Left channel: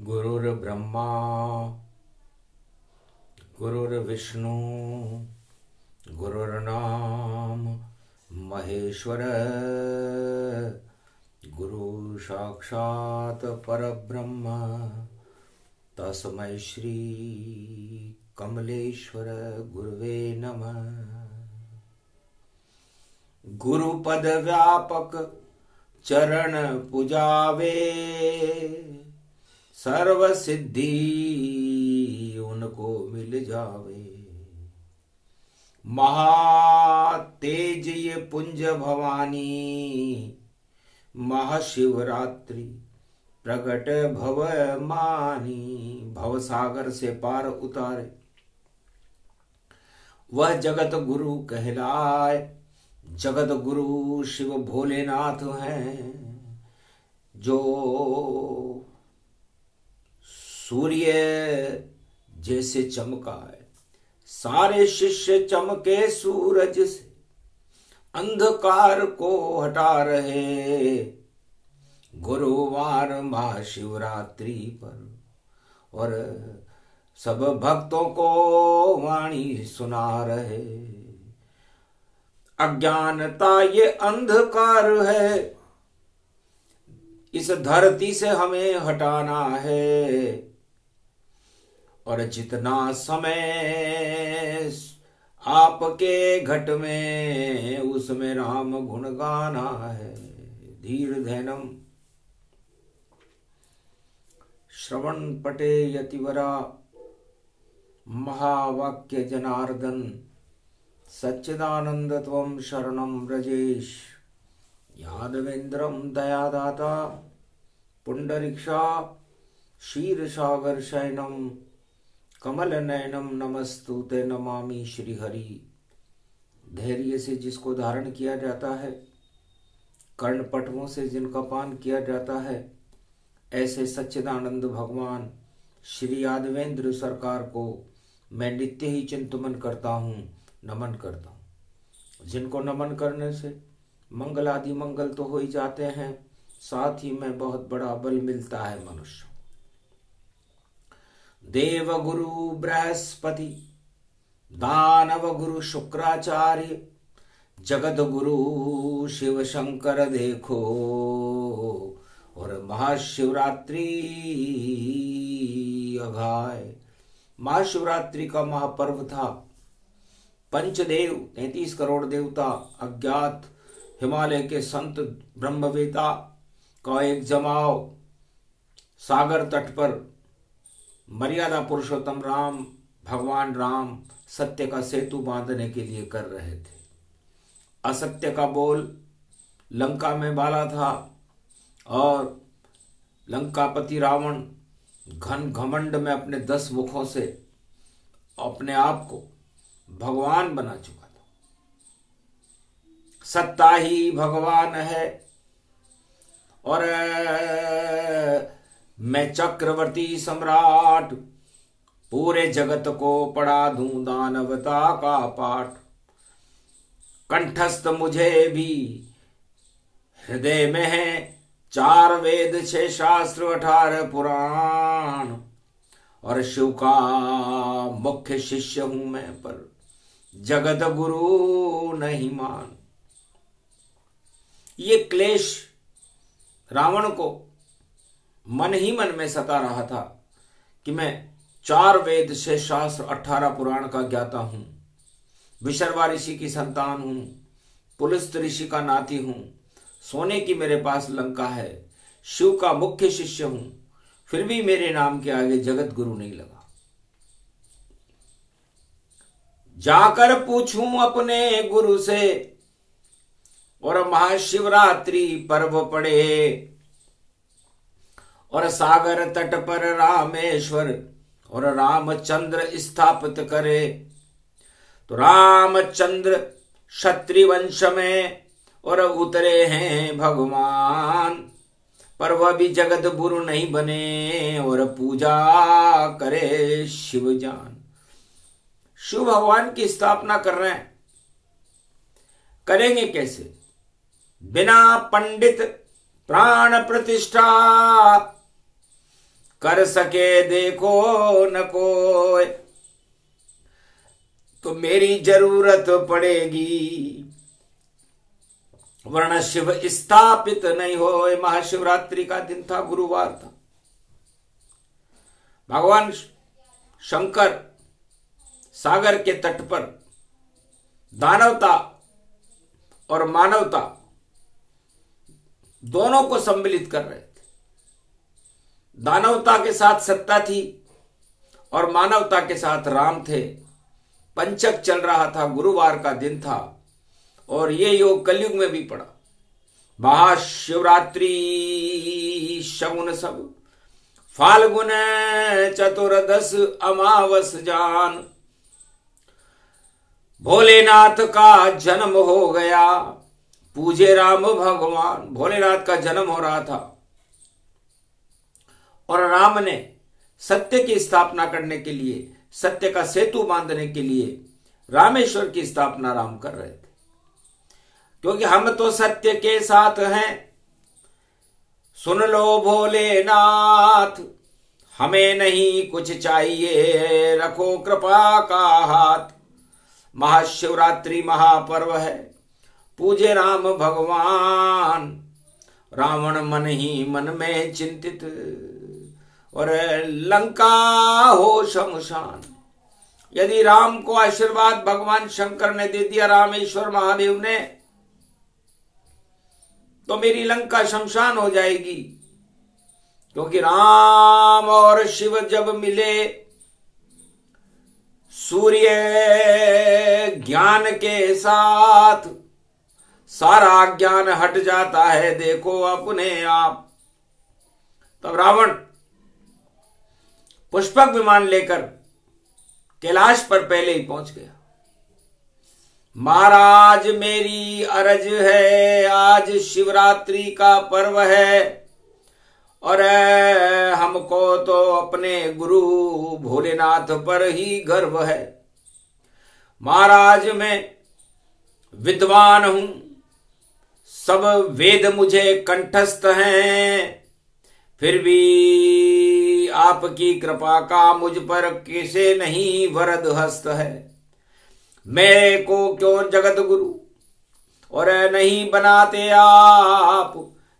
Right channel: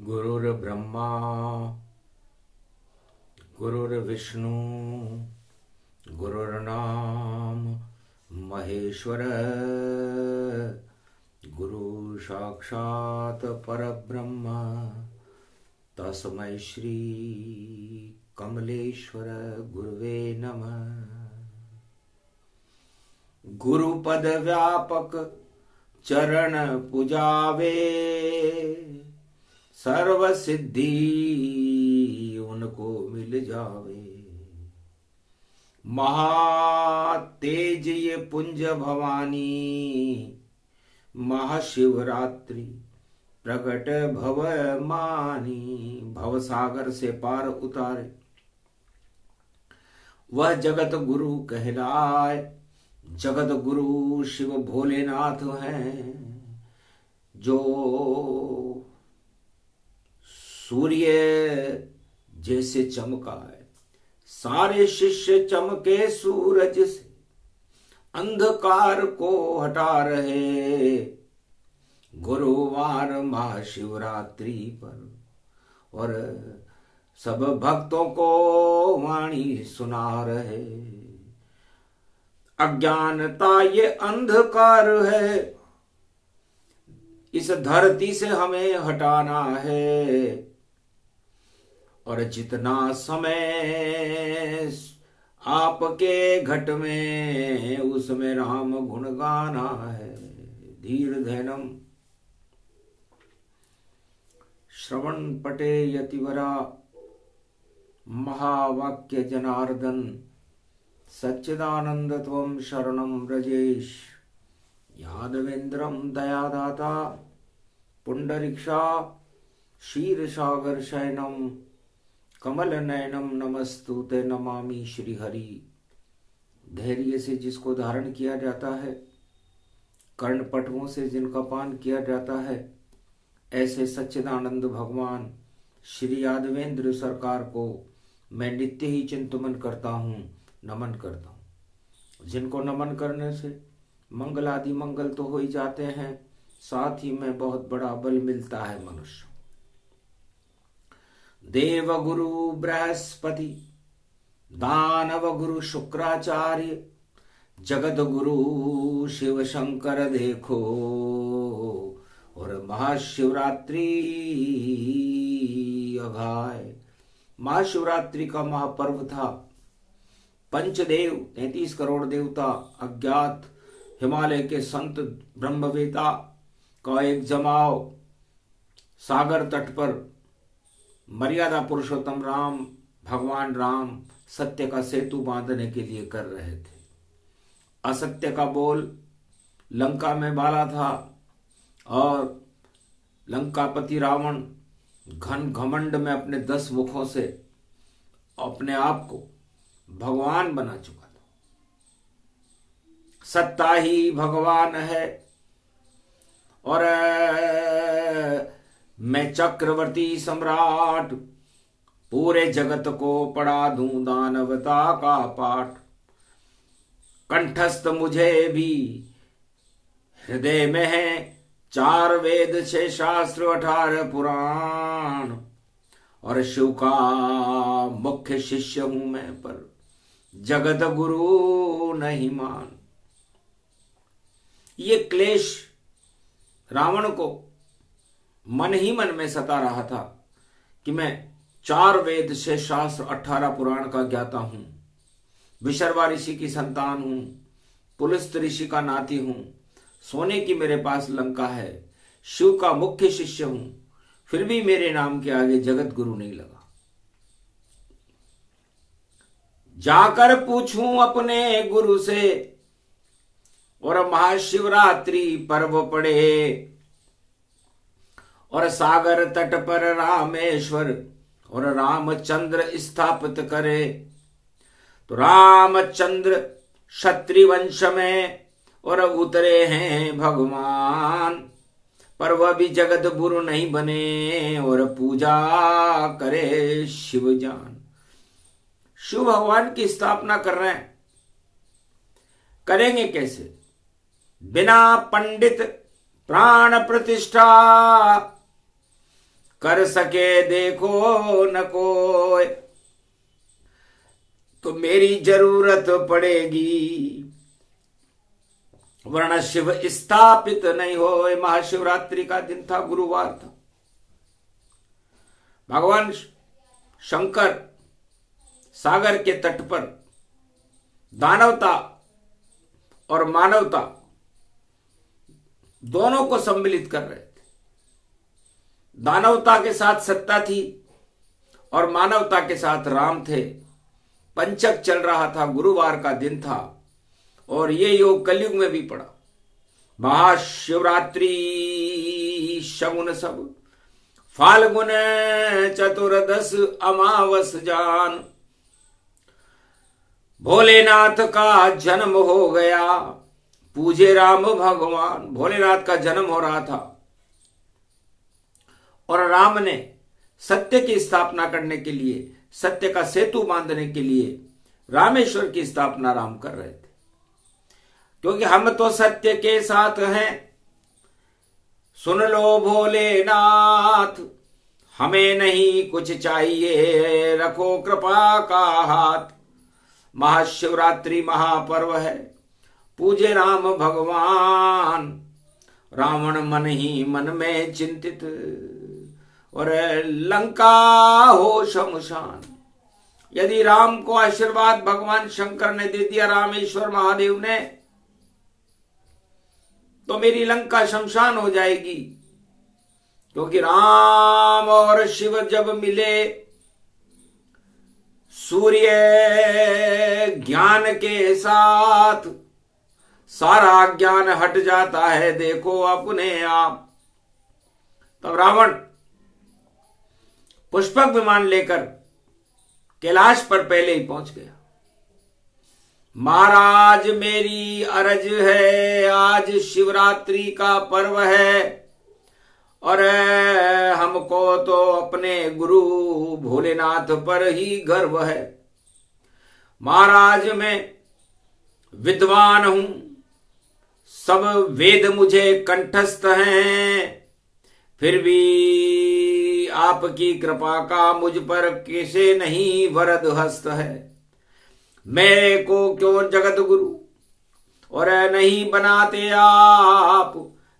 गुरुर्ब्रह्मा गुरुर्विष्णु गुरुर्नाम महेश्वर गुरु साक्षात् परब्रह्म तस्मै श्री कमलेश्वर गुरुवे नमः। गुरुपद व्यापक चरण पुजावे, सर्व सिद्धि उनको मिल जावे। महातेज ये पुंज भवानी, महाशिवरात्रि प्रगट भव मानी। भव सागर से पार उतारे वह जगत गुरु कहलाए। जगत गुरु शिव भोलेनाथ हैं, जो सूर्य जैसे चमका है। सारे शिष्य चमके सूरज से, अंधकार को हटा रहे। गुरुवार महाशिवरात्रि पर और सब भक्तों को वाणी सुना रहे। अज्ञानता ये अंधकार है, इस धरती से हमें हटाना है। और जितना समय आपके घट में, उसमें राम गुण गाना है। धीर धैनम श्रवण पटे यतिवरा, महावाक्य जनार्दन सच्चिदानंद त्वं शरणं व्रजेश। यादवेन्द्रं दयादाता पुंडरीक्षा क्षीरसागर शयनम कमल नयनम नमस्तुते नमामि श्री हरि। धैर्य से जिसको धारण किया जाता है, कर्णपटवों से जिनका पान किया जाता है, ऐसे सच्चिदानंद भगवान श्री यादवेंद्र सरकार को मैं नित्य ही चिंतन करता हूँ, नमन करता हूँ। जिनको नमन करने से मंगल आदि मंगल तो हो ही जाते हैं, साथ ही में बहुत बड़ा बल मिलता है मनुष्य। देव गुरु बृहस्पति, दानव गुरु शुक्राचार्य, जगत गुरु शिव शंकर देखो। और महाशिवरात्रि अघाय, महाशिवरात्रि का महापर्व था। पंचदेव 33 करोड़ देवता, अज्ञात हिमालय के संत ब्रह्मवेता का एक जमाव सागर तट पर मर्यादा पुरुषोत्तम राम, भगवान राम सत्य का सेतु बांधने के लिए कर रहे थे। असत्य का बोल लंका में बाला था और लंकापति रावण घन घमंड में अपने 10 मुखों से अपने आप को भगवान बना चुका था। सत्ता ही भगवान है और मैं चक्रवर्ती सम्राट, पूरे जगत को पढ़ा दूं दानवता का पाठ। कंठस्थ मुझे भी हृदय में है 4 वेद 6 शास्त्र 18 पुराण। और शिव का मुख्य शिष्य हूं मैं, पर जगत गुरु नहीं मान। ये क्लेश रावण को मन ही मन में सता रहा था कि मैं 4 वेद 6 शास्त्र 18 पुराण का ज्ञाता हूं, विशर्वा ऋषि की संतान हूं, पुलस्त ऋषि का नाती हूं, सोने की मेरे पास लंका है, शिव का मुख्य शिष्य हूं, फिर भी मेरे नाम के आगे जगत गुरु नहीं लगा। जाकर पूछूं अपने गुरु से, और महाशिवरात्रि पर्व पड़े और सागर तट पर रामेश्वर और रामचंद्र स्थापित करे। तो रामचंद्र क्षत्रिय वंश में और उतरे हैं भगवान, पर वह भी जगत गुरु नहीं बने और पूजा करे शिव जान। शिव भगवान की स्थापना कर रहे हैं, करेंगे कैसे? बिना पंडित प्राण प्रतिष्ठा कर सके देखो न कोई, तो मेरी जरूरत पड़ेगी, वरना शिव स्थापित नहीं होए। महाशिवरात्रि का दिन था, गुरुवार था। भगवान शंकर सागर के तट पर दानवता और मानवता दोनों को सम्मिलित कर रहे थे। दानवता के साथ सत्ता थी और मानवता के साथ राम थे। पंचक चल रहा था, गुरुवार का दिन था और ये योग कलयुग में भी पड़ा। महाशिवरात्रि शगुन सब, फाल्गुन चतुर्दश अमावस जान, भोलेनाथ का जन्म हो गया, पूजे राम भगवान। भोलेनाथ का जन्म हो रहा था और राम ने सत्य की स्थापना करने के लिए, सत्य का सेतु बांधने के लिए रामेश्वर की स्थापना राम कर रहे थे। क्योंकि हम तो सत्य के साथ हैं, सुन लो भोलेनाथ, हमें नहीं कुछ चाहिए, रखो कृपा का हाथ। महाशिवरात्रि महापर्व है, पूजे राम भगवान। रावण मन ही मन में चिंतित, और लंका हो शमशान। यदि राम को आशीर्वाद भगवान शंकर ने दे दिया, रामेश्वर महादेव ने, तो मेरी लंका शमशान हो जाएगी। क्योंकि राम और शिव जब मिले, सूर्य ज्ञान के साथ, सारा ज्ञान हट जाता है, देखो अपने आप। तब रावण पुष्पक विमान लेकर कैलाश पर पहले ही पहुंच गया। महाराज मेरी अरज है, आज शिवरात्रि का पर्व है और हमको तो अपने गुरु भोलेनाथ पर ही गर्व है। महाराज मैं विद्वान हूं, सब वेद मुझे कंठस्थ हैं, फिर भी आपकी कृपा का मुझ पर कैसे नहीं वरद हस्त है। मेरे को क्यों जगत गुरु और नहीं बनाते आप,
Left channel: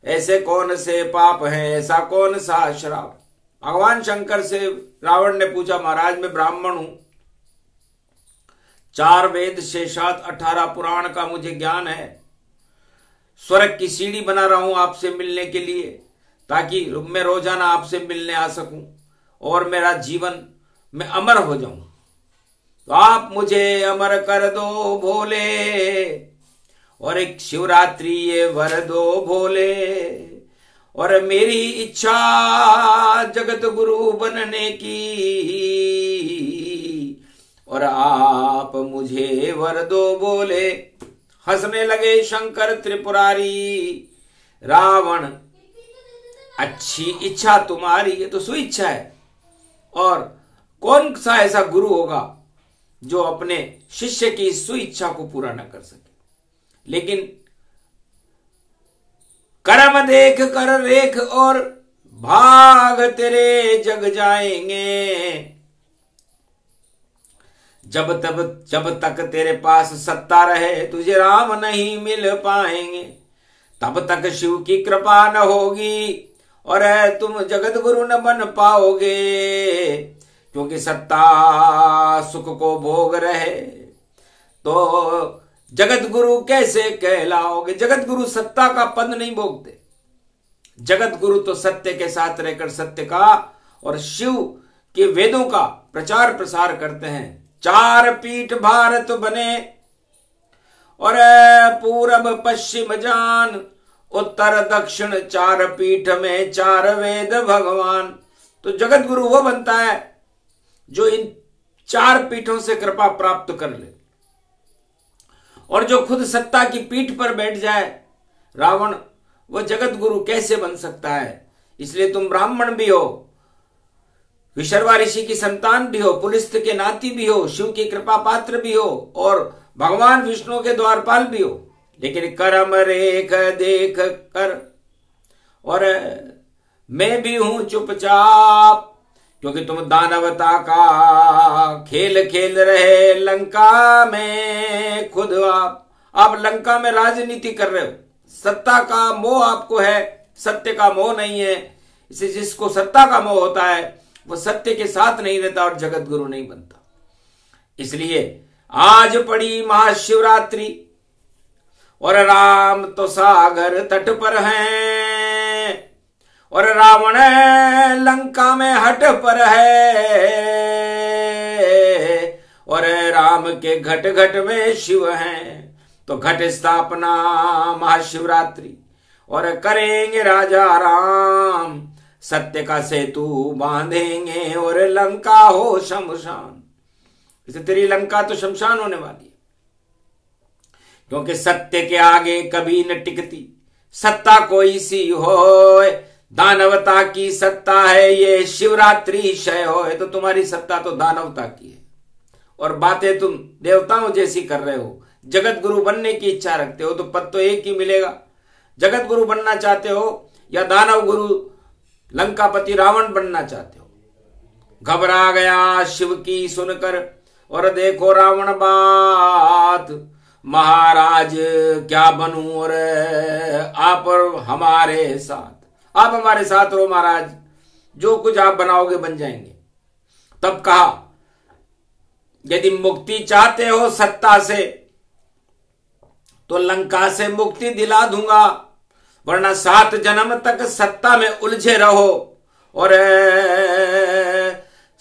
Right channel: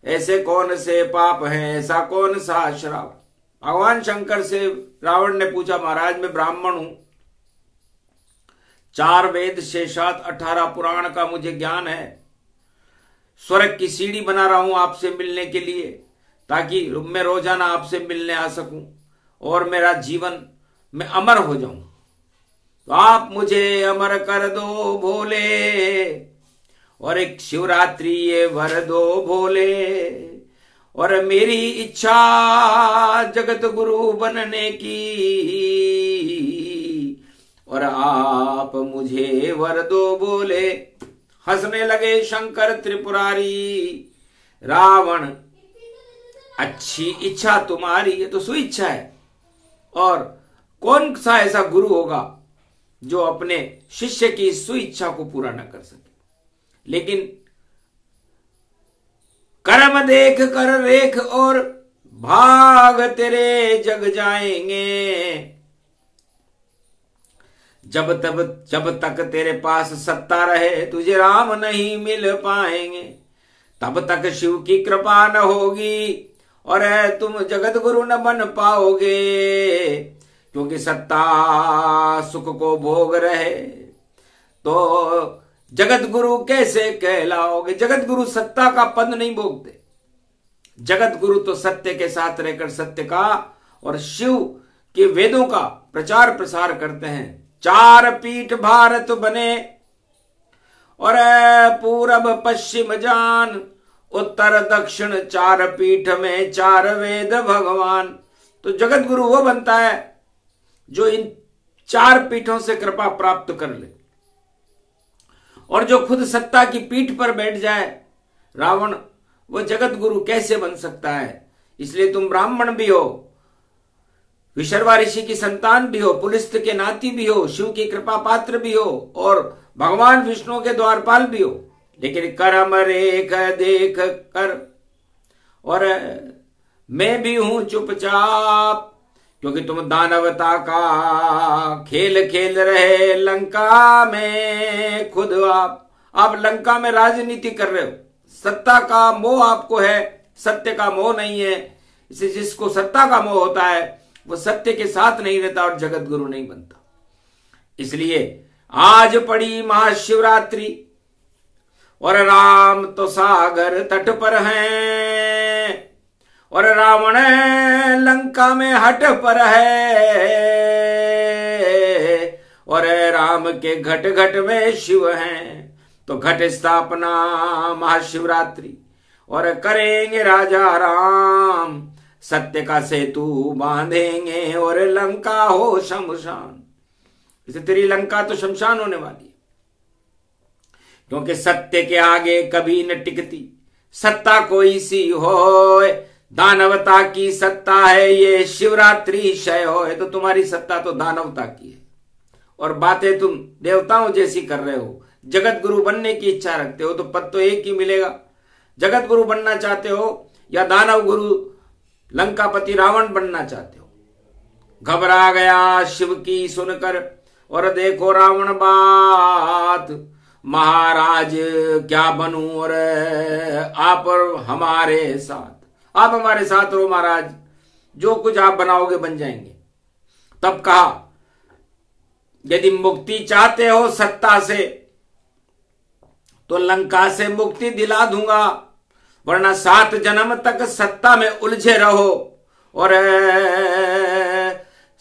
ऐसे कौन से पाप हैं, ऐसा कौन सा श्राप। भगवान शंकर से रावण ने पूछा, महाराज मैं ब्राह्मण हूं, 4 वेद शेषात 18 पुराण का मुझे ज्ञान है, स्वर्ग की सीढ़ी बना रहा हूं आपसे मिलने के लिए, ताकि मैं रोजाना आपसे मिलने आ सकूं और मेरा जीवन मैं अमर हो जाऊं। तो आप मुझे अमर कर दो भोले, और एक शिवरात्रि ये वर दो भोले, और मेरी इच्छा जगत गुरु बनने की, और आप मुझे वर दो बोले। हंसने लगे शंकर त्रिपुरारी, रावण अच्छी इच्छा तुम्हारी, ये तो सुइच्छा है, और कौन सा ऐसा गुरु होगा जो अपने शिष्य की सुइच्छा को पूरा न कर सके। लेकिन कर्म देख कर रेख और भाग तेरे जग जाएंगे, जब तक तेरे पास सत्ता रहे तुझे राम नहीं मिल पाएंगे, तब तक शिव की कृपा न होगी और तुम जगत गुरु न बन पाओगे। क्योंकि सत्ता सुख को भोग रहे तो जगत गुरु कैसे कहलाओगे। जगत गुरु सत्ता का पद नहीं भोगते, जगत गुरु तो सत्य के साथ रहकर सत्य का और शिव के वेदों का प्रचार प्रसार करते हैं। 4 पीठ भारत बने और पूरब पश्चिम जान, उत्तर दक्षिण 4 पीठ में 4 वेद भगवान। तो जगत गुरु वो बनता है जो इन 4 पीठों से कृपा प्राप्त कर ले, और जो खुद सत्ता की पीठ पर बैठ जाए रावण, वो जगत गुरु कैसे बन सकता है। इसलिए तुम ब्राह्मण भी हो, विशर्वा ऋषि की संतान भी हो, पुलिस्त के नाती भी हो, शिव की कृपा पात्र भी हो, और भगवान विष्णु के द्वारपाल भी हो, लेकिन कर्म रेख देख कर और मैं भी हूं चुपचाप, क्योंकि तुम दानवता का खेल खेल रहे लंका में खुद आप लंका में राजनीति कर रहे हो। सत्ता का मोह आपको है, सत्य का मोह नहीं है। इसे जिसको सत्ता का मोह होता है वो सत्य के साथ नहीं रहता और जगत गुरु नहीं बनता। इसलिए आज पड़ी महाशिवरात्रि और राम तो सागर तट पर हैं और रावण लंका में हट पर है और राम के घट घट में शिव हैं। तो घट स्थापना महाशिवरात्रि और करेंगे राजा राम, सत्य का सेतु बांधेंगे और लंका हो शमशान। इसे तेरी लंका तो शमशान होने वाली है, क्योंकि सत्य के आगे कभी न टिकती सत्ता कोई सी हो। दानवता की सत्ता है ये शिवरात्रि क्षय हो। तो तुम्हारी सत्ता तो दानवता की है और बातें तुम देवताओं जैसी कर रहे हो। जगत गुरु बनने की इच्छा रखते हो तो पद तो एक ही मिलेगा। जगत गुरु बनना चाहते हो या दानव गुरु लंकापति रावण बनना चाहते हो। घबरा गया शिव की सुनकर और देखो रावण बात, महाराज क्या बनूं और आप हमारे साथ, आप हमारे साथ रहो महाराज, जो कुछ आप बनाओगे बन जाएंगे। तब कहा यदि मुक्ति चाहते हो सत्ता से तो लंका से मुक्ति दिला दूंगा, वरना 7 जन्म तक सत्ता में उलझे रहो और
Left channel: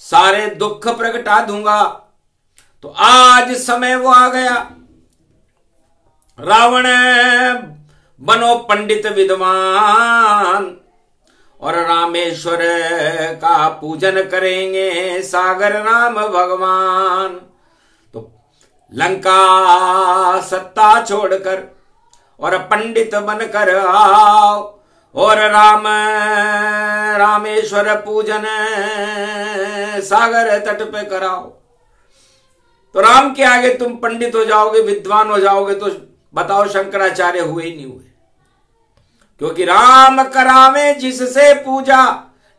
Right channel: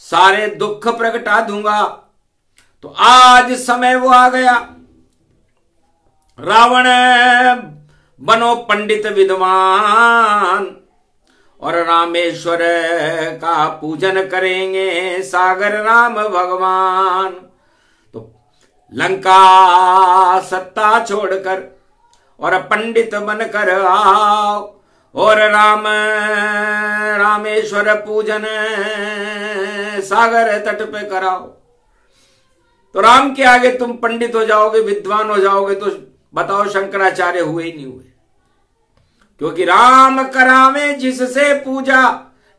सारे दुख प्रगटा दूंगा। तो आज समय वो आ गया, रावण बनो पंडित विद्वान और रामेश्वर का पूजन करेंगे सागर राम भगवान। तो लंका सत्ता छोड़कर और पंडित बनकर आओ और रामेश्वर पूजन सागर तट पे कराओ। तो राम के आगे तुम पंडित हो जाओगे, विद्वान हो जाओगे। तो बताओ शंकराचार्य हुए ही नहीं हुए, क्योंकि राम करावे जिससे पूजा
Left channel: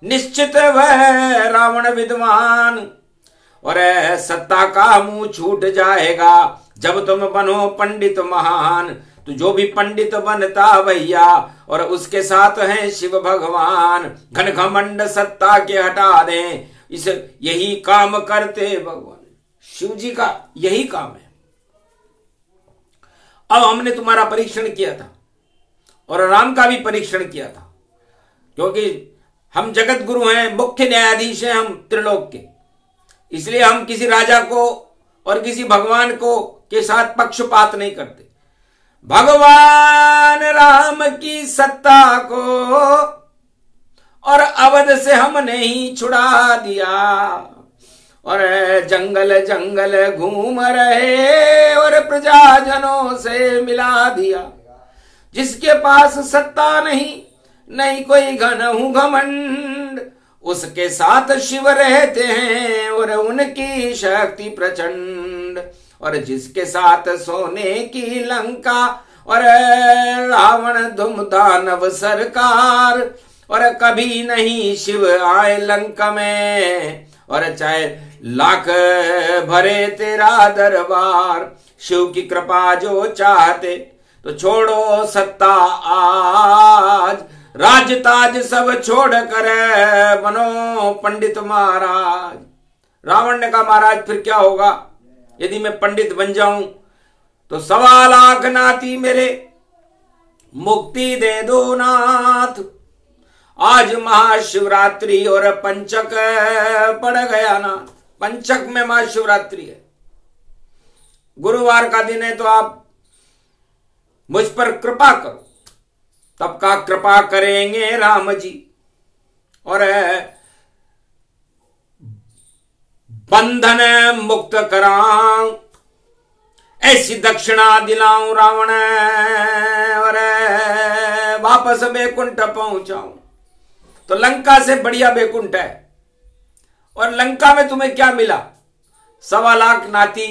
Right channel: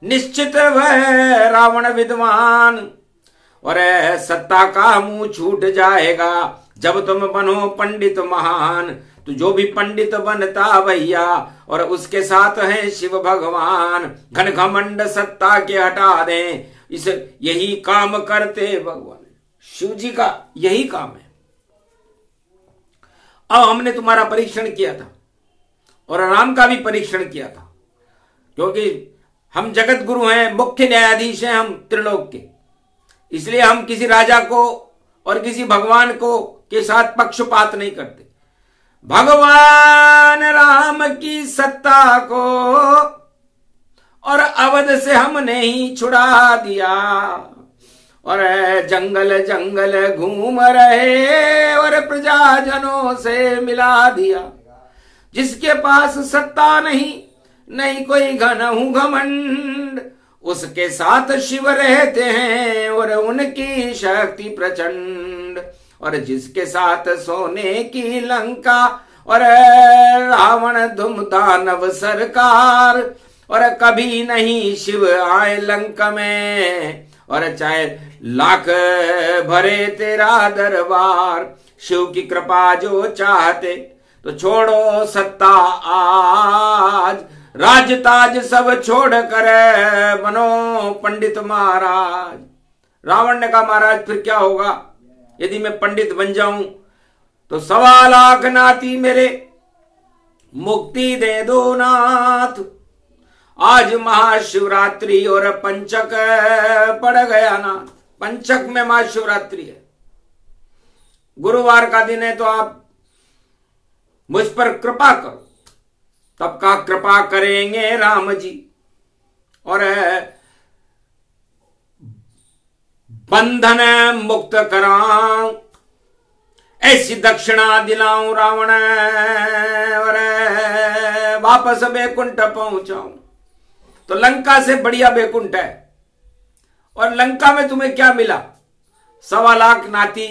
निश्चित वह रावण विद्वान। और सत्ता का मुंह छूट जाएगा जब तुम बनो पंडित महान। तो जो भी पंडित बनता भैया और उसके साथ हैं शिव भगवान, घन घमंड सत्ता के हटा दें, इस यही काम करते भगवान। शिव जी का यही काम है। अब हमने तुम्हारा परीक्षण किया था और राम का भी परीक्षण किया था, क्योंकि हम जगत गुरु हैं, मुख्य न्यायाधीश हैं हम त्रिलोक के। इसलिए हम किसी राजा को और किसी भगवान को के साथ पक्षपात नहीं करते। भगवान राम की सत्ता को और अवध से हमने ही छुड़ा दिया और जंगल जंगल घूम रहे और प्रजाजनों से मिला दिया। जिसके पास सत्ता नहीं कोई घनहु घमंड, उसके साथ शिव रहते हैं और उनकी शक्ति प्रचंड। और जिसके साथ सोने की लंका और रावण धूम दानव सरकार, और कभी नहीं शिव आए लंका में, और चाहे लाख भरे तेरा दरबार। शिव की कृपा जो चाहते तो छोड़ो सत्ता आज, राज ताज सब छोड़ कर बनो पंडित महाराज। रावण ने कहा महाराज फिर क्या होगा यदि मैं पंडित बन जाऊं? तो 1.25 लाख नाती मेरे मुक्ति दे दो नाथ। आज महाशिवरात्रि और पंचक पड़ गया ना, पंचक में महाशिवरात्रि है, गुरुवार का दिन है, तो आप मुझ पर कृपा करो। तब का कृपा करेंगे राम जी और बंधन मुक्त कराऊं, ऐसी दक्षिणा दिलाऊं रावण और वापस बैकुंठ पहुंचाऊं। तो लंका से बढ़िया बैकुंठ है। और लंका में तुम्हें क्या मिला? 1.25 लाख नाती,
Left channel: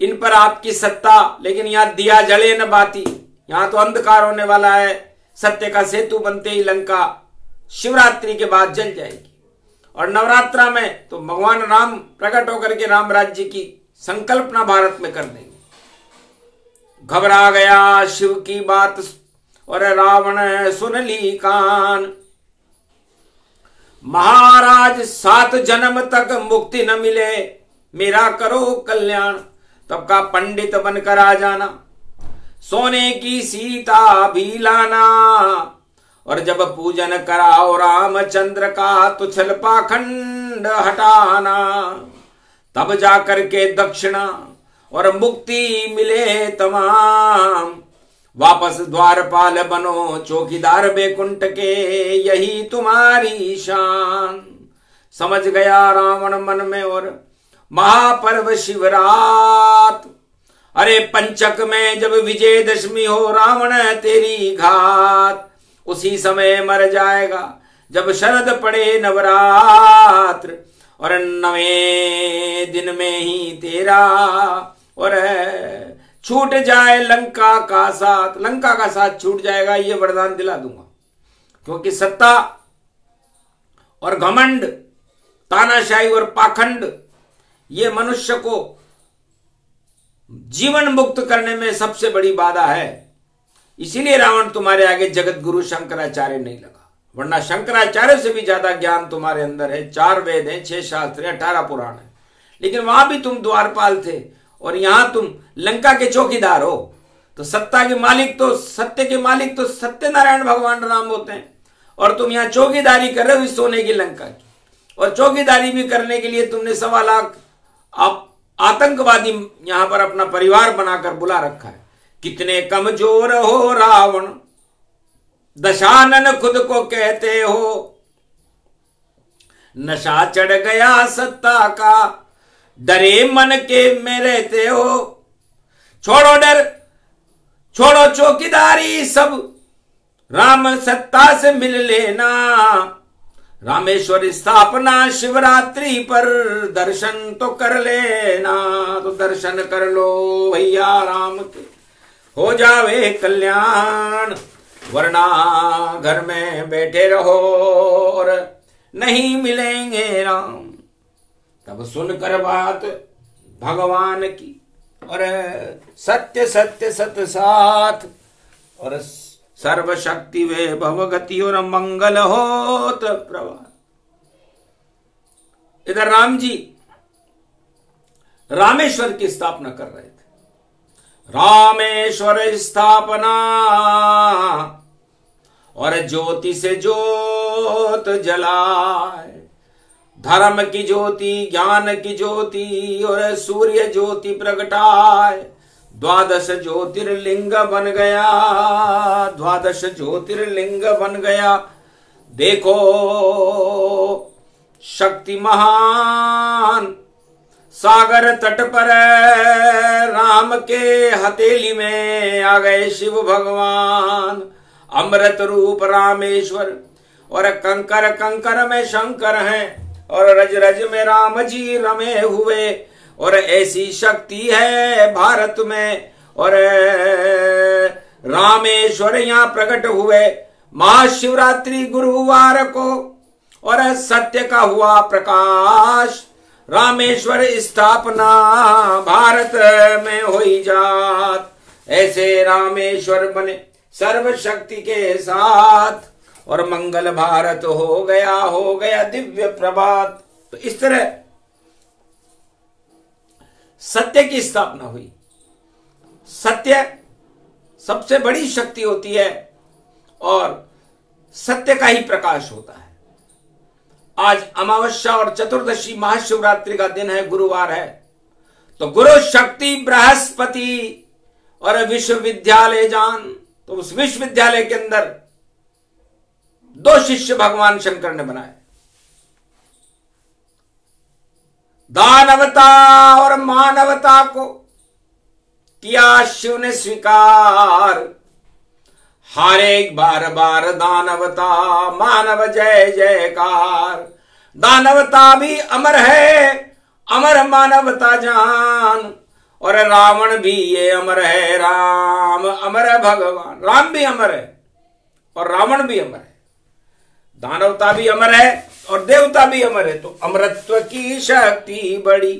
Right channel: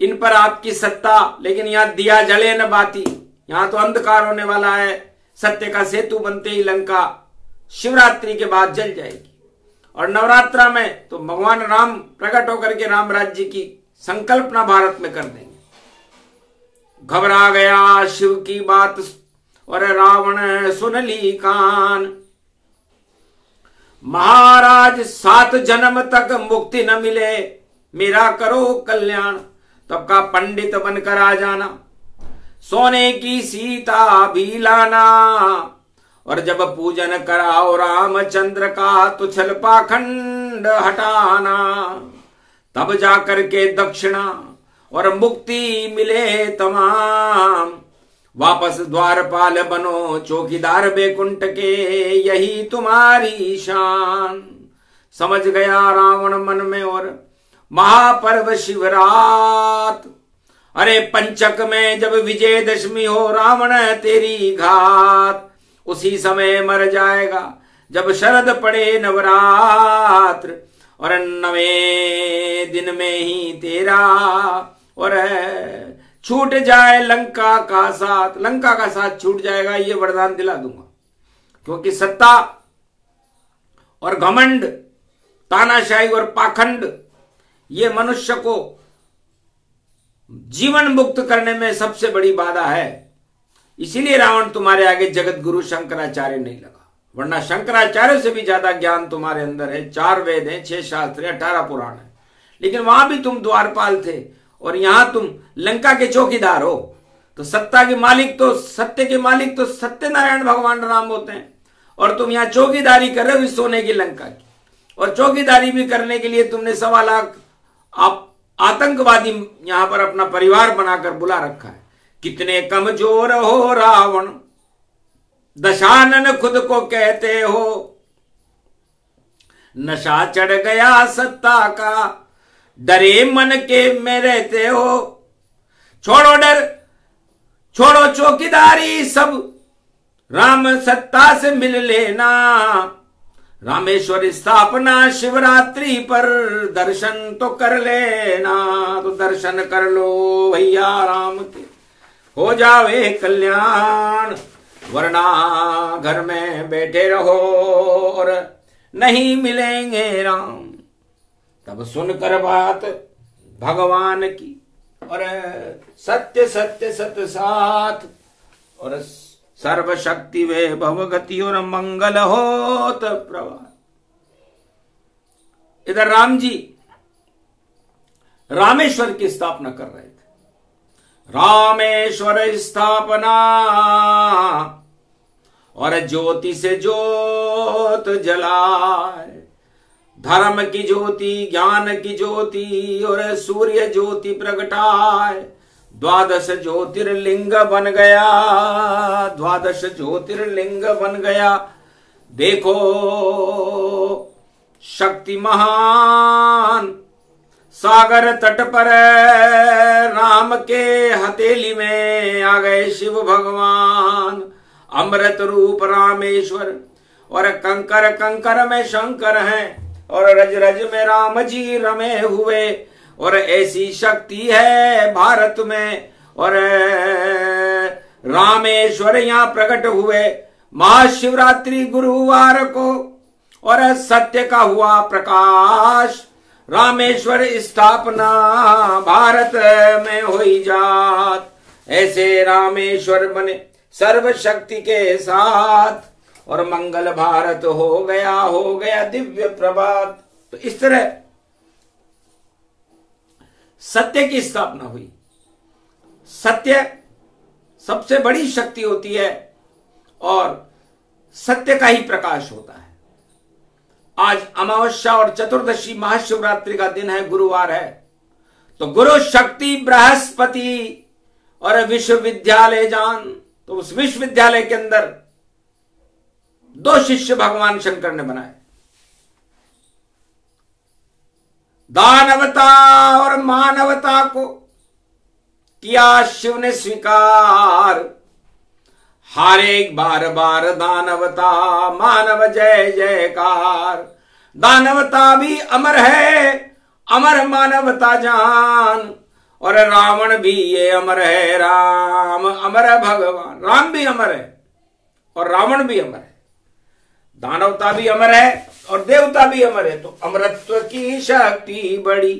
इन पर आपकी सत्ता, लेकिन यहां दिया जले न बाती। यहां तो अंधकार होने वाला है। सत्य का सेतु बनते ही लंका शिवरात्रि के बाद जल जाएगी। और नवरात्रा में तो भगवान राम प्रकट होकर के राम राज्य की संकल्पना भारत में कर देंगे। घबरा गया शिव की बात और रावण सुन ली कान, महाराज 7 जन्म तक मुक्ति न मिले, मेरा करो कल्याण। तब का पंडित बनकर आ जाना, सोने की सीता भी लाना, और जब पूजन कराओ रामचंद्र का तो छल पाखंड हटाना। तब जाकर के दक्षिणा और मुक्ति मिले तमाम, वापस द्वारपाल बनो चौकीदार बैकुंठ के, यही तुम्हारी शान। समझ गया रावण मन में और महापर्व शिवरात, अरे पंचक में जब विजयदशमी हो रावण तेरी घात। उसी समय मर जाएगा जब शरद पड़े नवरात्र, और 9वें दिन में ही तेरा और छूट जाए लंका का साथ। लंका का साथ छूट जाएगा, ये वरदान दिला दूंगा। क्योंकि सत्ता और घमंड, तानाशाही और पाखंड, ये मनुष्य को जीवन मुक्त करने में सबसे बड़ी बाधा है। इसीलिए रावण तुम्हारे आगे जगत गुरु शंकराचार्य नहीं लगा, वरना शंकराचार्य से भी ज्यादा ज्ञान तुम्हारे अंदर है। 4 वेद हैं, 6 शास्त्र हैं, 18 पुराण है। लेकिन वहां भी तुम द्वारपाल थे और यहां तुम लंका के चौकीदार हो। तो सत्ता के मालिक तो, सत्य के मालिक तो सत्यनारायण भगवान राम होते हैं, और तुम यहां चौकीदारी कर रहे हो इस सोने की लंका की। और चौकीदारी भी करने के लिए तुमने 1.25 लाख आतंकवादी यहां पर अपना परिवार बनाकर बुला रखा है। कितने कमजोर हो रावण, दशानन खुद को कहते हो, नशा चढ़ गया सत्ता का, डरे मन के में रहते हो। छोड़ो डर, छोड़ो चौकीदारी सब, राम सत्ता से मिल लेना। रामेश्वर स्थापना शिवरात्रि पर दर्शन तो कर लेना। तो दर्शन कर लो भैया राम के, हो जावे कल्याण, वरना घर में बैठे रहो और नहीं मिलेंगे राम। तब सुनकर बात भगवान की, और सत्य सत्य सत्य साथ, और सर्वशक्ति वे भवगति और मंगल होत प्रभात। इधर राम जी रामेश्वर की स्थापना कर रहे थे। रामेश्वर स्थापना, और ज्योति से ज्योत जलाए, धर्म की ज्योति, ज्ञान की ज्योति, और सूर्य ज्योति प्रगटाए। 12 ज्योतिर्लिंग बन गया, 12 ज्योतिर्लिंग बन गया। देखो शक्ति महान, सागर तट पर राम के हथेली में आ गए शिव भगवान। अमृत रूप रामेश्वर, और कंकर कंकर में शंकर हैं, और रज रज में राम जी रमे हुए। और ऐसी शक्ति है भारत में, और रामेश्वर यहां प्रकट हुए महाशिवरात्रि गुरुवार को, और सत्य का हुआ प्रकाश। रामेश्वर स्थापना भारत में हुई जात, ऐसे रामेश्वर बने सर्वशक्ति के साथ, और मंगल भारत हो गया दिव्य प्रभात। तो इस तरह सत्य की स्थापना हुई। सत्य सबसे बड़ी शक्ति होती है, और सत्य का ही प्रकाश होता है। आज अमावस्या और चतुर्दशी महाशिवरात्रि का दिन है, गुरुवार है। तो गुरु शक्ति बृहस्पति और विश्वविद्यालय जान, तो उस विश्वविद्यालय के अंदर 2 शिष्य भगवान शंकर ने बनाए, दानवता और मानवता को किया शिव ने स्वीकार। हारे बार बार दानवता, मानव जय जयकार। दानवता भी अमर है, अमर मानवता जान, और रावण भी ये अमर है, राम अमर है भगवान। राम भी अमर है और रावण भी अमर है। दानवता भी अमर है और देवता भी अमर है। तो अमरत्व की शक्ति बड़ी,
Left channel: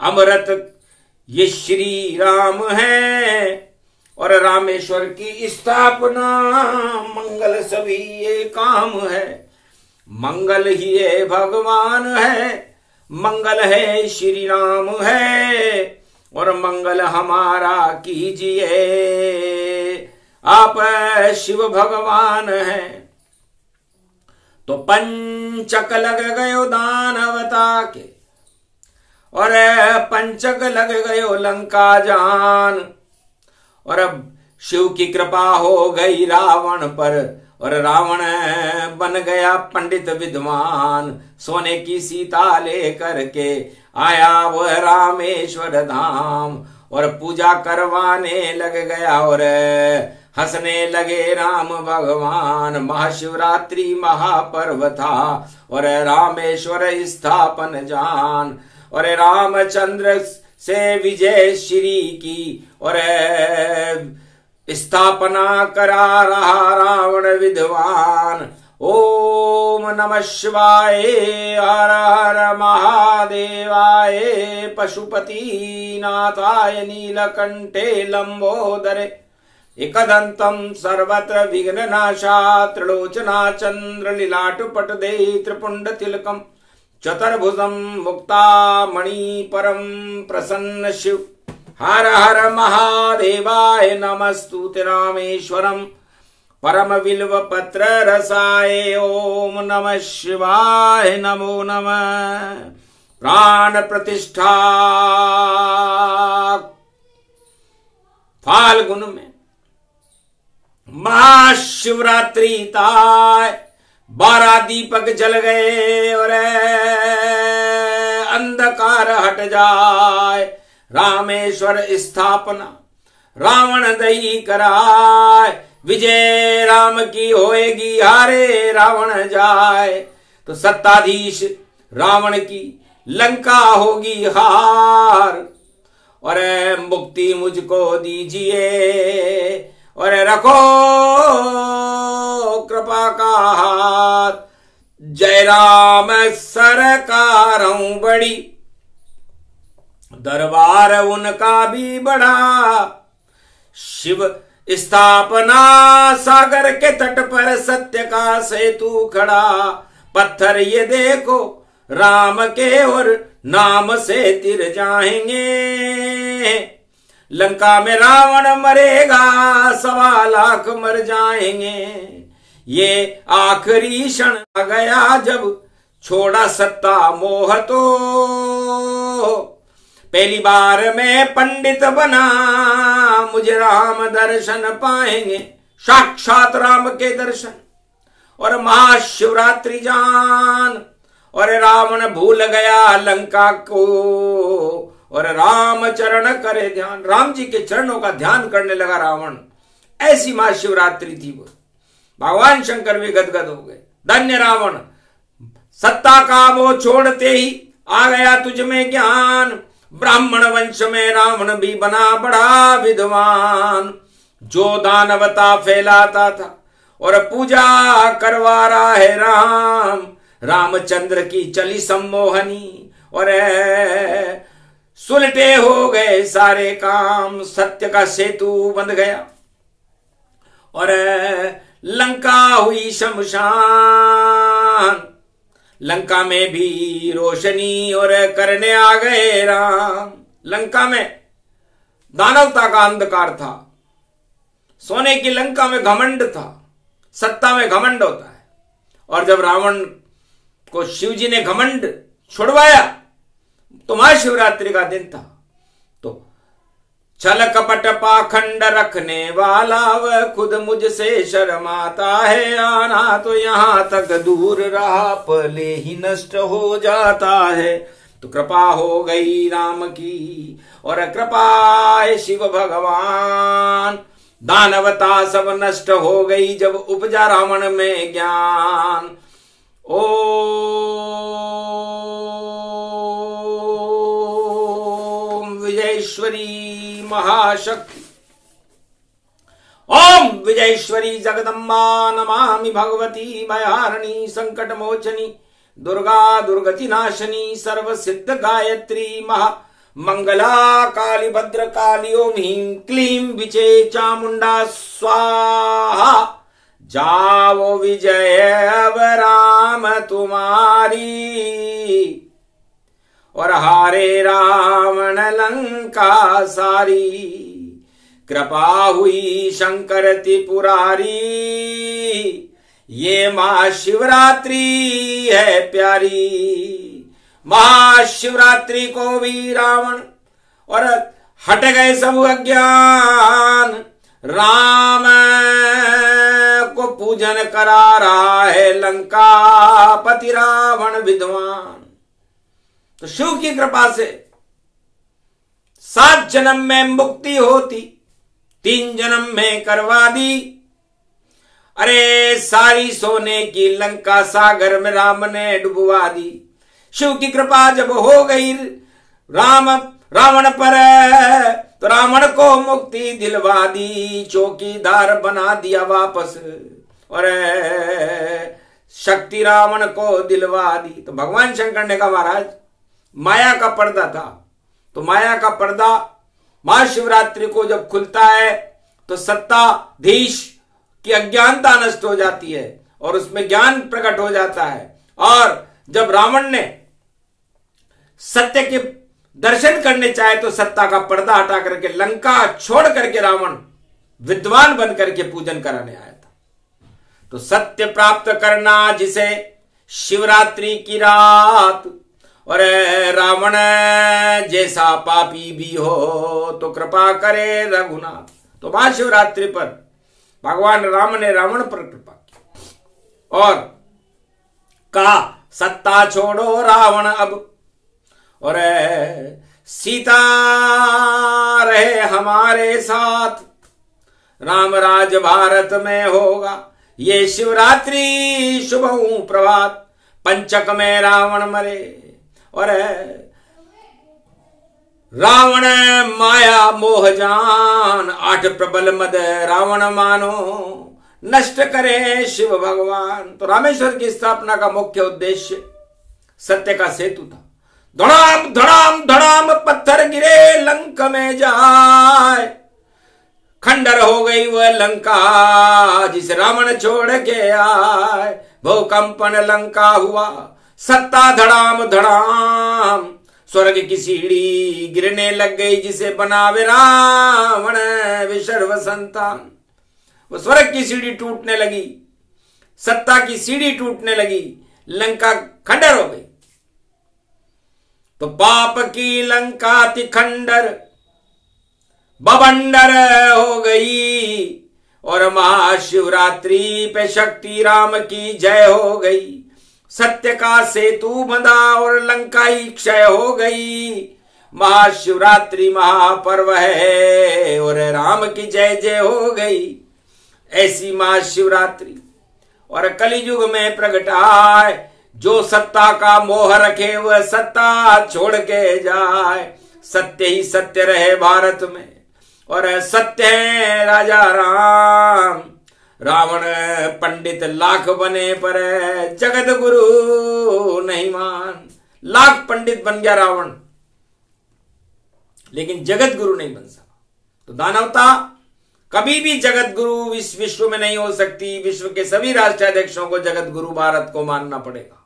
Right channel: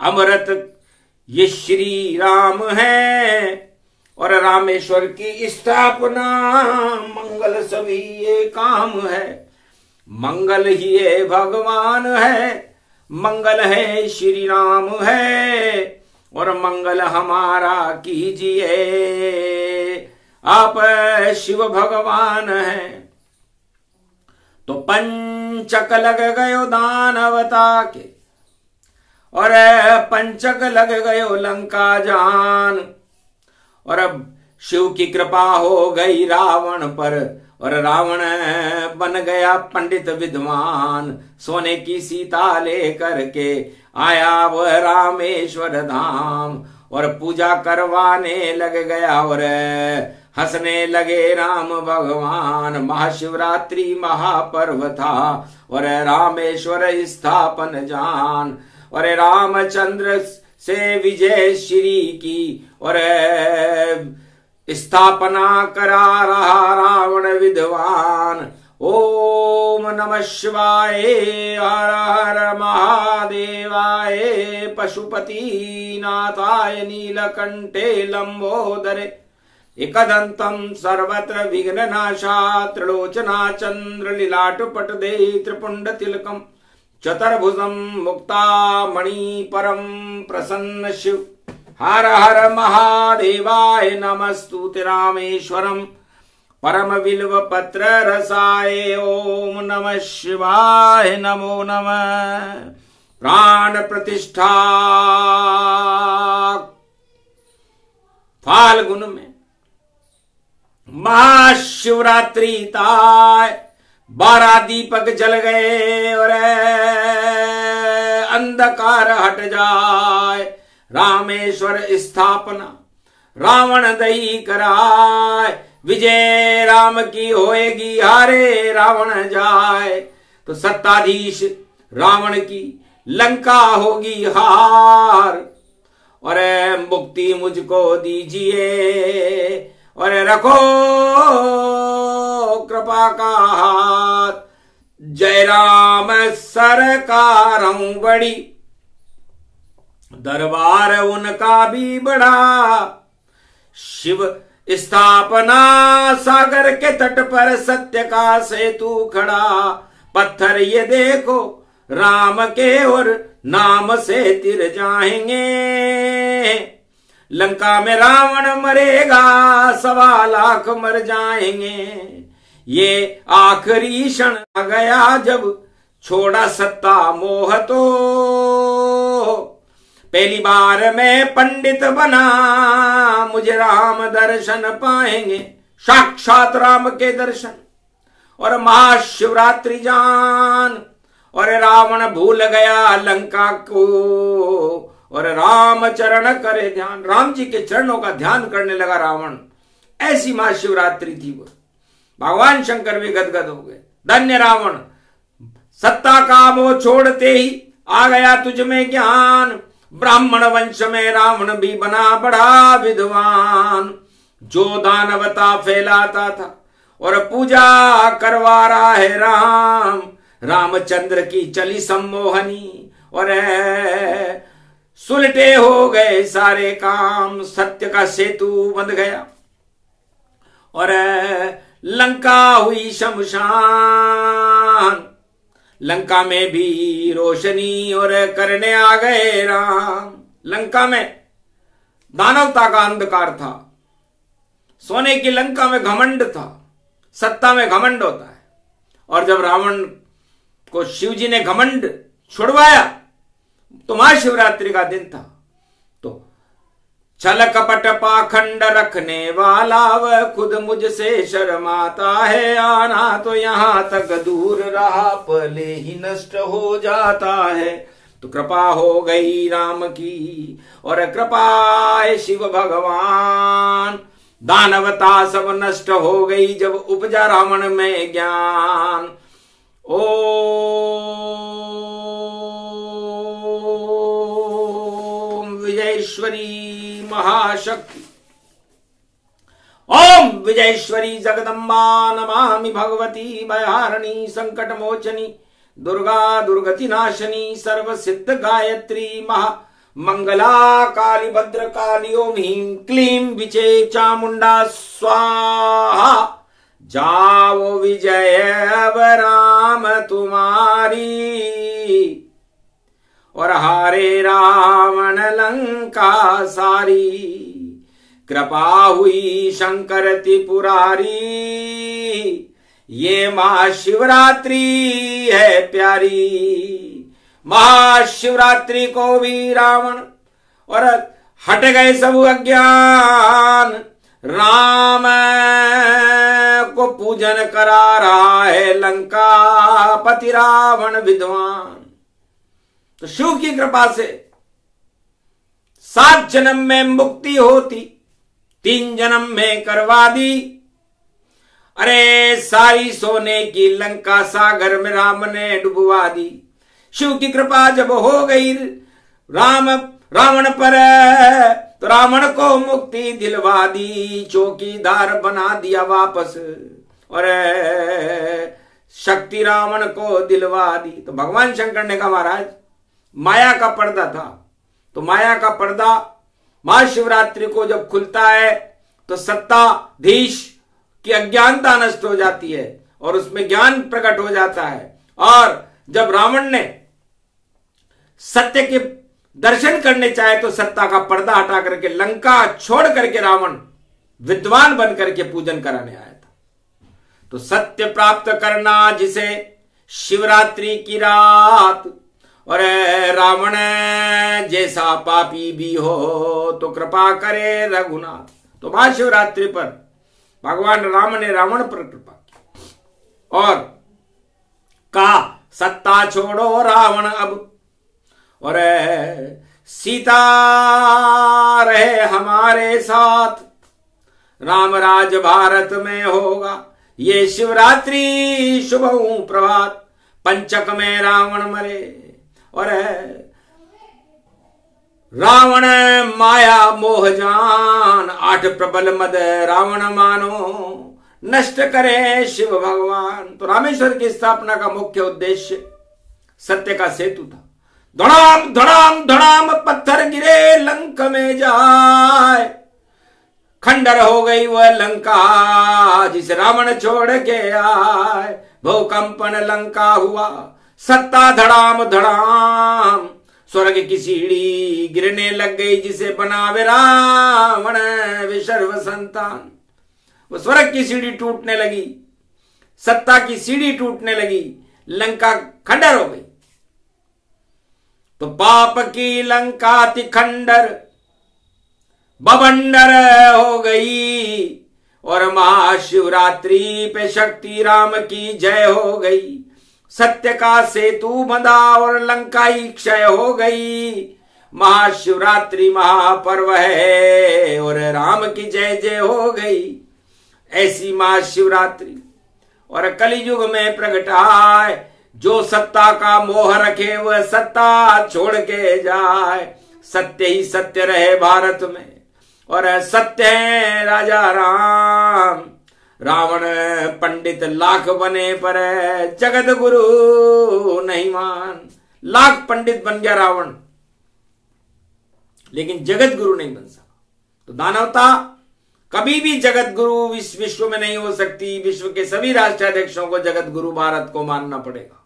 अमरत ये श्री राम है और रामेश्वर की स्थापना, मंगल सभी ये काम है। मंगल ही ये भगवान है, मंगल है श्री राम है और मंगल हमारा कीजिए, आप शिव भगवान है। तो पंचक लग गयो दानवता के और पंचक लग गयो लंका जान, और अब शिव की कृपा हो गई रावण पर और रावण बन गया पंडित विद्वान। सोने की सीता लेकर के आया वह रामेश्वर धाम और पूजा करवाने लग गया और हंसने लगे राम भगवान। महाशिवरात्रि महापर्व था और रामेश्वर स्थापन जान, और रामचंद्र से विजय श्री की और स्थापना करा रहा रावण विद्वान। ओम नमः शिवाय, हर हर महादेवाय, पशुपति नाथाय, नीलकंठे लंबोदरे, एकदंतम सर्वत्र विघ्ननाशा, त्रिलोचना चंद्र लीलाट पटदे, त्रिपुंड तिलकम चतुर्भुजम मुक्तामणि परम प्रसन्न शिव। हर हर महादेवाय, नमस्तुते रामेश्वरम परम बिल्व पत्र रसाय। ओम नमः शिवाय, नमो नमः। प्राण प्रतिष्ठा फाल्गुन में महाशिवरात्रि ताय, 12 दीपक जल गए और अंधकार हट जाए। रामेश्वर स्थापना रावण दई कराए, विजय राम की होएगी, हारे रावण जाए। तो सत्ताधीश रावण की लंका होगी हार, और मुक्ति मुझको दीजिए और रखो कृपा का हाथ। जय राम सरकारं बड़ी, दरबार उनका भी बड़ा। शिव स्थापना सागर के तट पर, सत्य का सेतु खड़ा। पत्थर ये देखो राम के और नाम से तिर जाएंगे। लंका में रावण मरेगा, 1.25 लाख मर जाएंगे। ये आखिरी क्षण आ गया जब छोड़ा सत्ता मोह तो। पहली बार मैं पंडित बना, मुझे राम दर्शन पाएंगे, साक्षात राम के दर्शन। और महाशिवरात्रि जान, और रावण भूल गया लंका को, और राम चरण करे ध्यान। राम जी के चरणों का ध्यान करने लगा रावण। ऐसी महाशिवरात्रि थी वो। भगवान शंकर भी गदगद हो गए। धन्य रावण, सत्ता का मोह छोड़ते ही आ गया तुझ में ज्ञान। ब्राह्मण वंश में रावण भी बना बड़ा विद्वान। जो दानवता फैलाता था और पूजा करवा रहा है राम। रामचंद्र की चली सम्मोहनी और सुलटे हो गए सारे काम। सत्य का सेतु बंध गया और लंका हुई शमशान। लंका में भी रोशनी और करने आ गए राम। लंका में दानवता का अंधकार था, सोने की लंका में घमंड था। सत्ता में घमंड होता है, और जब रावण को शिव जी ने घमंड छुड़वाया तो महाशिवरात्रि का दिन था। तो छल कपट पाखंड रखने वाला वह खुद मुझसे शर्माता है। आना तो यहां तक दूर रहा, पले ही नष्ट हो जाता है। तो कृपा हो गई राम की और कृपा है शिव भगवान। दानवता सब नष्ट हो गई जब उपजा रावण में ज्ञान। ओम विजयेश्वरी महाशक्ति। ओम विजयेश्वरी जगदम्बा नमामि भगवती भयारिणी संकट मोचनी दुर्गा दुर्गति नाशनी सर्व सिद्ध गायत्री महा मंगला काली भद्र काली ओम ह्रीं क्लीं विचे चामुंडा स्वाहा। जाओ विजय अब राम तुम्हारी और हारे रावण लंका सारी। कृपा हुई शंकर त्रिपुरारी ये महाशिवरात्रि है प्यारी। महाशिवरात्रि को भी रावण और हट गए सब अज्ञान। राम को पूजन करा रहा है लंका पति रावण विद्वान। तो शिव की कृपा से 7 जन्म में मुक्ति होती, 3 जन्म में करवा दी। अरे सारी सोने की लंका सागर में राम ने डुबवा दी। शिव की कृपा जब हो गई रावण पर तो रावण को मुक्ति दिलवा दी, चौकीदार बना दिया वापस और शक्ति रावण को दिलवा दी। तो भगवान शंकर ने कहा महाराज माया का पर्दा था, तो माया का पर्दा महाशिवरात्रि को जब खुलता है तो सत्ताधीश की अज्ञानता नष्ट हो जाती है और उसमें ज्ञान प्रकट हो जाता है। और जब रावण ने सत्य के दर्शन करने चाहे तो सत्ता का पर्दा हटा करके लंका छोड़ करके रावण विद्वान बन करके पूजन कराने आया था। तो सत्य प्राप्त करना जिसे शिवरात्रि की रात, और रावण जैसा पापी भी हो तो कृपा करे रघुनाथ। तो महाशिवरात्रि पर भगवान राम ने रावण पर कृपा की और कहा सत्ता छोड़ो रावण अब, और सीता रहे हमारे साथ। राम राज भारत में होगा ये शिवरात्रि शुभ प्रभात। पंचक में रावण मरे और रावण माया मोह जान। 8 प्रबल मद रावण मानो नष्ट करे शिव भगवान। तो रामेश्वर की स्थापना का मुख्य उद्देश्य सत्य का सेतु था। धड़ाम धड़ाम धड़ाम पत्थर गिरे लंका में जाए, खंडर हो गई वह लंका जिसे रावण छोड़ के आए। भूकंपन लंका हुआ सत्ता धड़ाम धड़ाम, स्वर्ग की सीढ़ी गिरने लग गई जिसे बनावे रावण विशर्व संतान। वो स्वर्ग की सीढ़ी टूटने लगी, सत्ता की सीढ़ी टूटने लगी, लंका खंडर हो गई। तो पाप की लंका थी खंडर बवंडर हो गई और महाशिवरात्रि पे शक्ति राम की जय हो गई। सत्य का सेतु बंधा और लंका ही क्षय हो गई। महाशिवरात्रि महापर्व है और राम की जय जय हो गई। ऐसी महाशिवरात्रि और कलियुग में प्रगटाए, जो सत्ता का मोह रखे वह सत्ता छोड़ के जाए। सत्य ही सत्य रहे भारत में और सत्य है राजा राम। रावण पंडित लाख बने पर जगत गुरु नहीं मान। लाख पंडित बन गया रावण लेकिन जगत गुरु नहीं बन सका। तो दानवता कभी भी जगत गुरु इस विश्व में नहीं हो सकती। विश्व के सभी राष्ट्राध्यक्षों को जगत गुरु भारत को मानना पड़ेगा।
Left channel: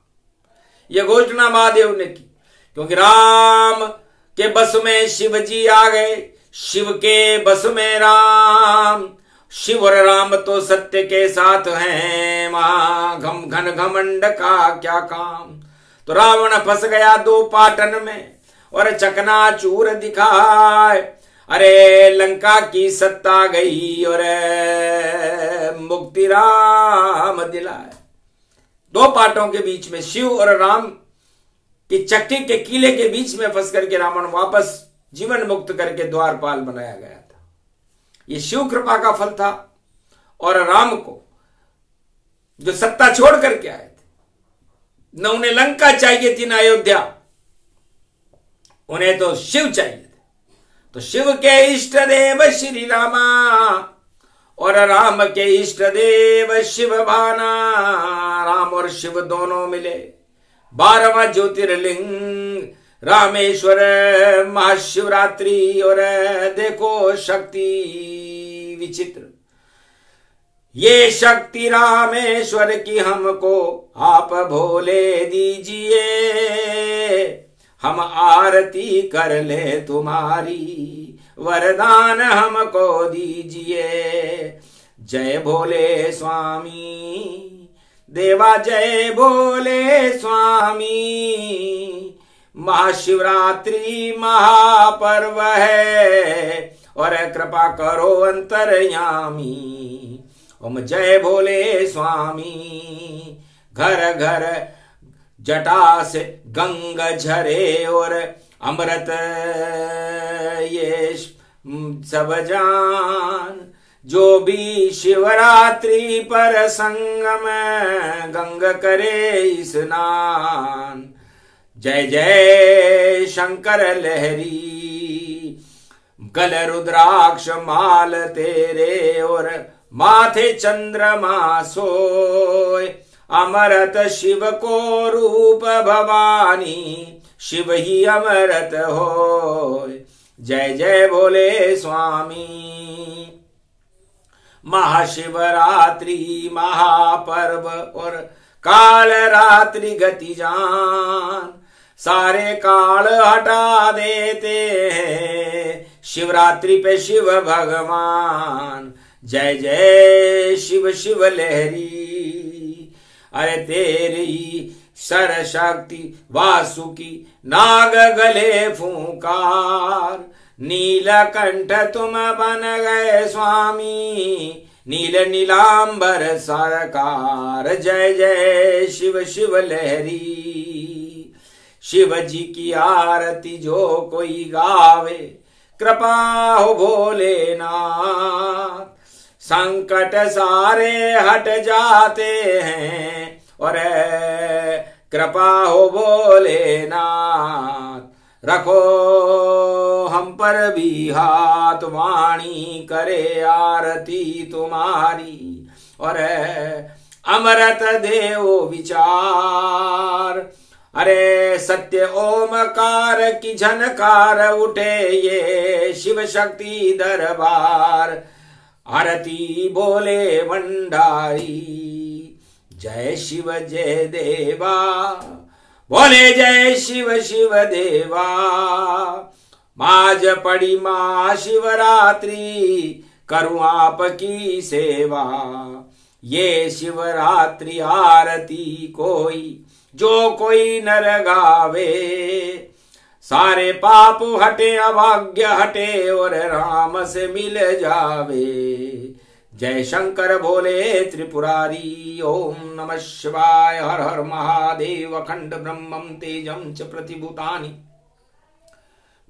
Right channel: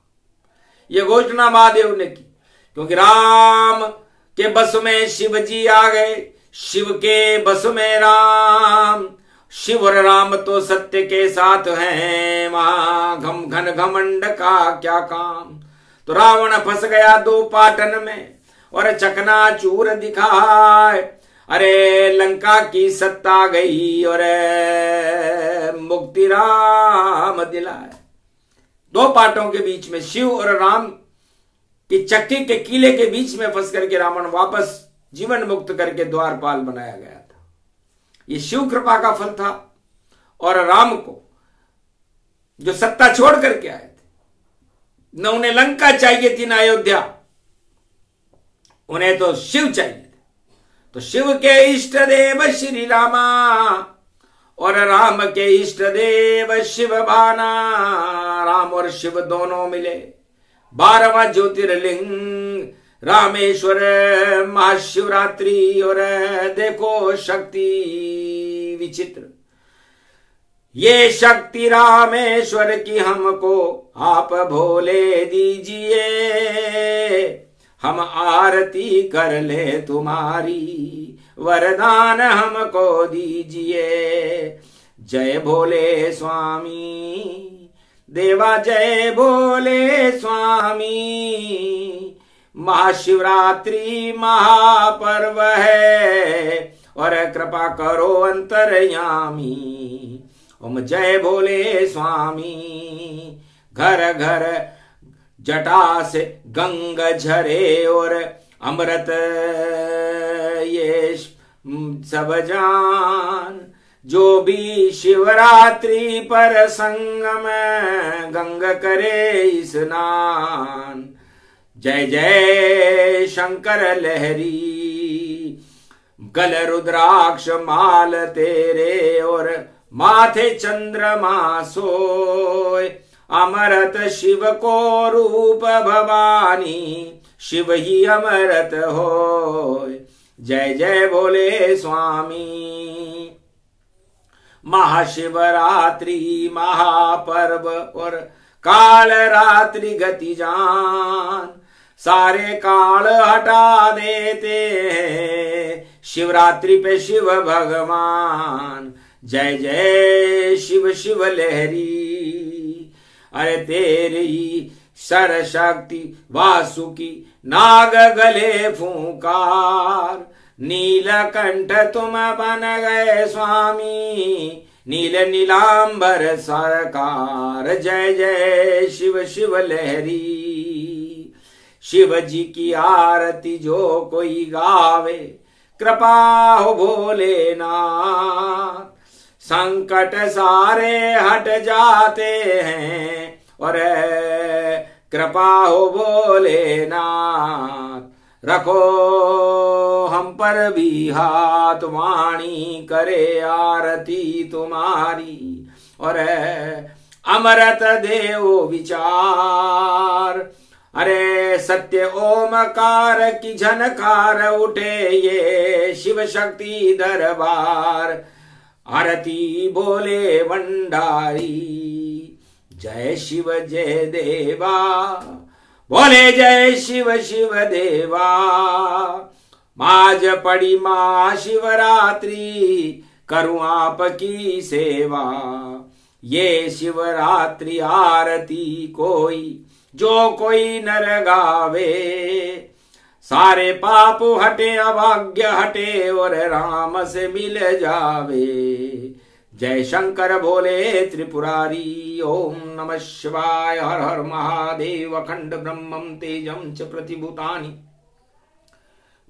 यह घोषणा महादेव ने की क्योंकि राम के बस में शिव जी आ गए, शिव के बस में राम। शिव और राम तो सत्य के साथ हैं, महाघम घन घमंड का क्या काम। तो रावण फंस गया 2 पाटन में और चकनाचूर दिखाए। अरे लंका की सत्ता गई और मुक्ति राम दिलाए। 2 पाटों के बीच में शिव और राम की चक्की के कीले के बीच में फंस करके रावण वापस जीवन मुक्त करके द्वारपाल बनाया गया था। ये शिव कृपा का फल था। और राम को जो सत्ता छोड़ करके आए थे, न उन्हें लंका चाहिए थी न अयोध्या, उन्हें तो शिव चाहिए थे। तो शिव के इष्ट देव श्री रामा और राम के इष्ट देव शिव भाना, राम और शिव दोनों मिले 12वां ज्योतिर्लिंग रामेश्वर महाशिवरात्रि। और देखो शक्ति विचित्र, ये शक्ति रामेश्वर की हमको आप भोले दीजिए, हम आरती कर ले तुम्हारी, वरदान हमको दीजिए। जय भोले स्वामी देवा, जय भोले स्वामी। महाशिवरात्रि महापर्व है और कृपा करो अंतर्यामी। ओम जय भोले स्वामी। घर घर जटा से गंग झरे और अमृत ये सब जान, जो भी शिवरात्रि पर संगम गंग करे स्नान। जय जय शंकर लहरी, गल रुद्राक्ष माल तेरे और माथे चंद्रमा सोय, अमृत शिव को रूप भवानी, शिव ही अमृत होय। जय जय भोले स्वामी। महाशिवरात्रि महापर्व और काल रात्रि गति जान, सारे काल हटा देते हैं शिवरात्रि पे शिव भगवान। जय जय शिव शिव लहरी, अरे तेरी सरशक्ति वासुकी नाग गले फूंकार, नीलकंठ तुम बन गए स्वामी, नील नीलांबर सरकार। जय जय शिव शिव लहरी, शिव जी की आरती जो कोई गावे, कृपा हो भोलेनाथ, संकट सारे हट जाते हैं और कृपा हो भोलेनाथ। रखो हम पर भी हाथ, वाणी करे आरती तुम्हारी, और अमृत देव विचार। अरे सत्य ओमकार की झनकार उठे ये शिव शक्ति दरबार, आरती बोले भंडारी। जय शिव जय देवा, बोले जय शिव शिव देवा। माज पड़ी महाशिवरात्रि, करूं आपकी सेवा। ये शिवरात्रि आरती कोई जो कोई नर गावे, सारे पाप हटे अभाग्य हटे और राम से मिल जावे। जय शंकर भोले त्रिपुरारी। ओम नमः शिवाय। हर हर महादेव। अखंड ब्रह्मं तेजं च प्रतिभूतानि,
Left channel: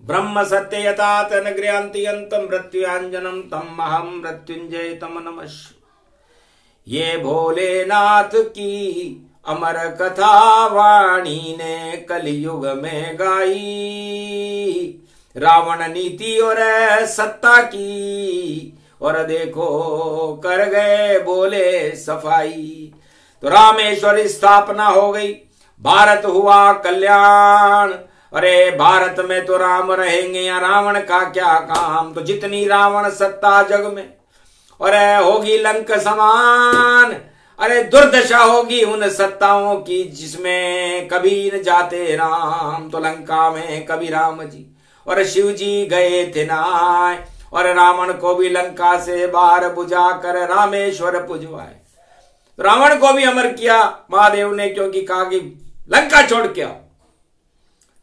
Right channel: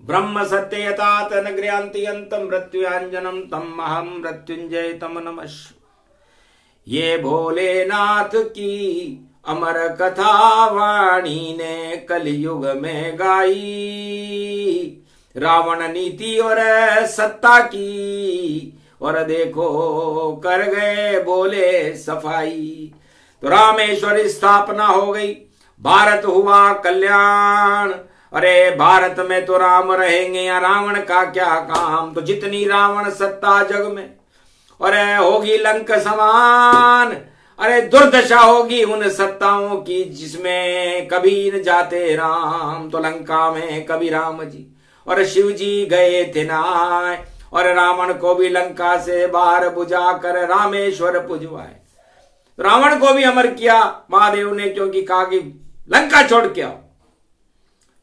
ब्रह्म सत्य यतात न गृह्णन्ति मृत्युञ्जनं तम अहं मृत्युंजय तम नमः। ये भोलेनाथ की अमर कथा वाणी ने कलयुग में गाई, रावण नीति और सत्ता की, और देखो कर गए बोले सफाई। तो रामेश्वर स्थापना हो गई, भारत हुआ कल्याण। अरे भारत में तो राम रहेंगे या रावण का क्या काम। तो जितनी रावण सत्ता जग में, और होगी लंक समान। अरे दुर्दशा होगी उन सत्ताओं की जिसमें कभी न जाते राम। तो लंका में कभी राम जी और शिव जी गए थे नाय, और रावण को भी लंका से बाहर बुझा कर रामेश्वर पुजवाए। रावण को भी अमर किया महादेव ने, क्योंकि कहा कि लंका छोड़ के आओ।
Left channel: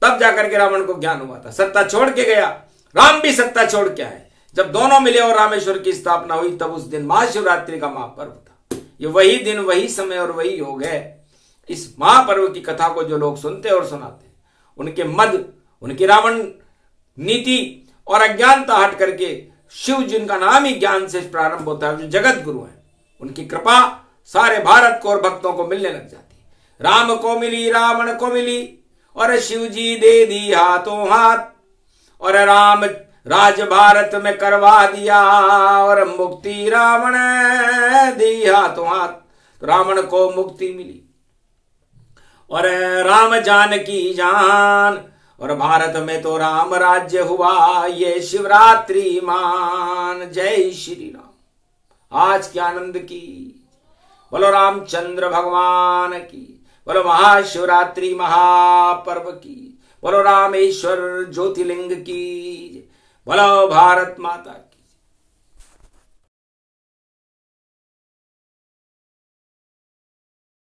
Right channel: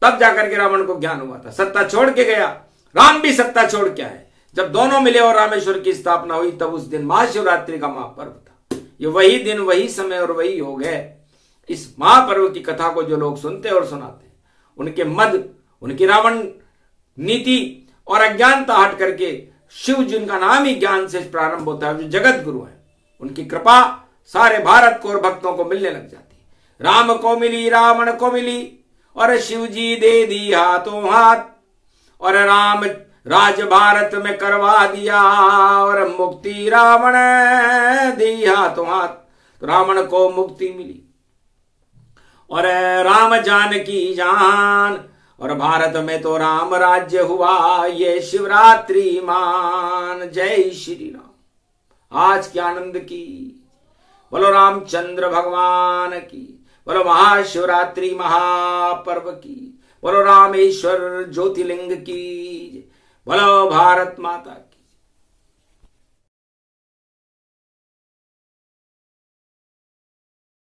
तब जाकर के रावण को ज्ञान हुआ था, सत्ता छोड़ के गया। राम भी सत्ता छोड़ के आए। जब दोनों मिले और रामेश्वर की स्थापना हुई, तब उस दिन महाशिवरात्रि का महापर्व था। ये वही दिन, वही समय और वही योग है। इस महापर्व की कथा को जो लोग सुनते और सुनाते हैं, उनके मद, उनकी रावण नीति और अज्ञानता हट करके शिव जिनका नाम ही ज्ञान से प्रारंभ होता है, जो जगत गुरु है, उनकी कृपा सारे भारत को और भक्तों को मिलने लग जाती है। राम को मिली, रावण को मिली, और शिव जी दे दी हाथों हाथ। और राम राज भारत में करवा दिया और मुक्ति रावण दी हाथों हाथ। तो रावण को मुक्ति मिली और राम जानकी जान, और भारत में तो राम राज्य हुआ, ये शिवरात्रि मान। जय श्री राम। आज के आनंद की बोलो रामचंद्र भगवान की, बोलो महाशिवरात्रि महापर्व की, बोलो रामेश्वर ज्योतिर्लिंग की, बोलो भारत माता की।